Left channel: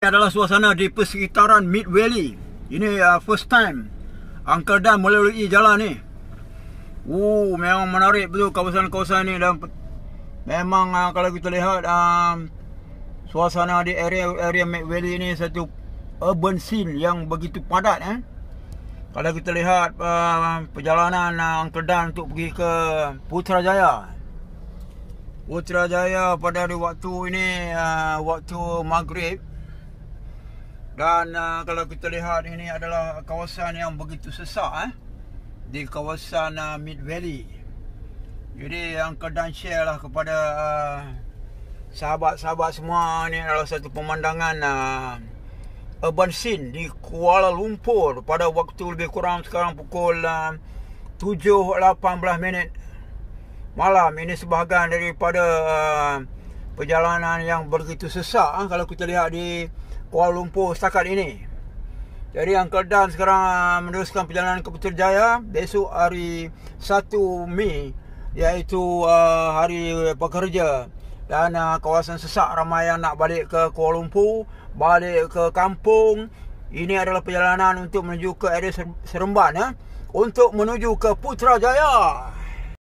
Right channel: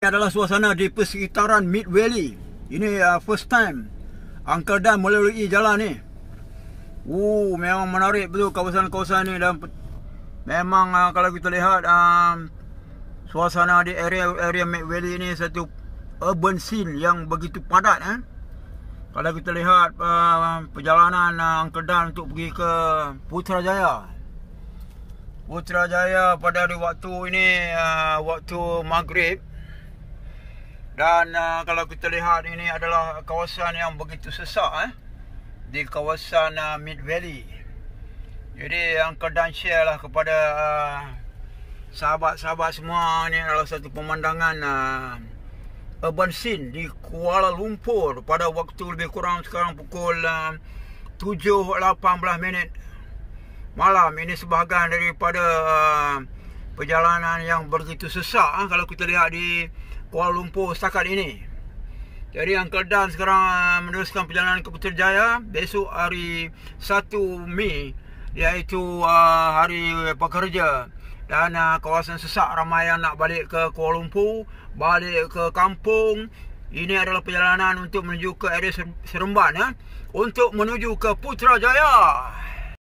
Ini adalah suasana di persekitaran Mid Valley. Ini first time Uncle Dan melalui jalan ni. Memang menarik betul kawasan-kawasan ni. Dan memang kalau kita lihat suasana di area Mid Valley ni satu urban scene yang begitu padat. Kalau kita lihat perjalanan Uncle Dan untuk pergi ke Putrajaya pada hari waktu ini waktu maghrib. Dan kalau kita lihat, ini adalah kawasan yang begitu sesak di kawasan Mid Valley. Jadi Uncle Dan share lah kepada sahabat-sahabat semua. Ini adalah satu pemandangan urban scene di Kuala Lumpur pada waktu lebih kurang sekarang pukul 7.18 malam. Ini sebahagian daripada perjalanan yang begitu sesak kalau kita lihat di Kuala Lumpur setakat ini. Jadi Uncle Dan sekarang meneruskan perjalanan ke Putrajaya. Besok hari 1 Mei iaitu hari pekerja. Dan kawasan sesak, ramai yang nak balik ke Kuala Lumpur, balik ke kampung. Ini adalah perjalanan untuk menuju ke area Seremban untuk menuju ke Putrajaya.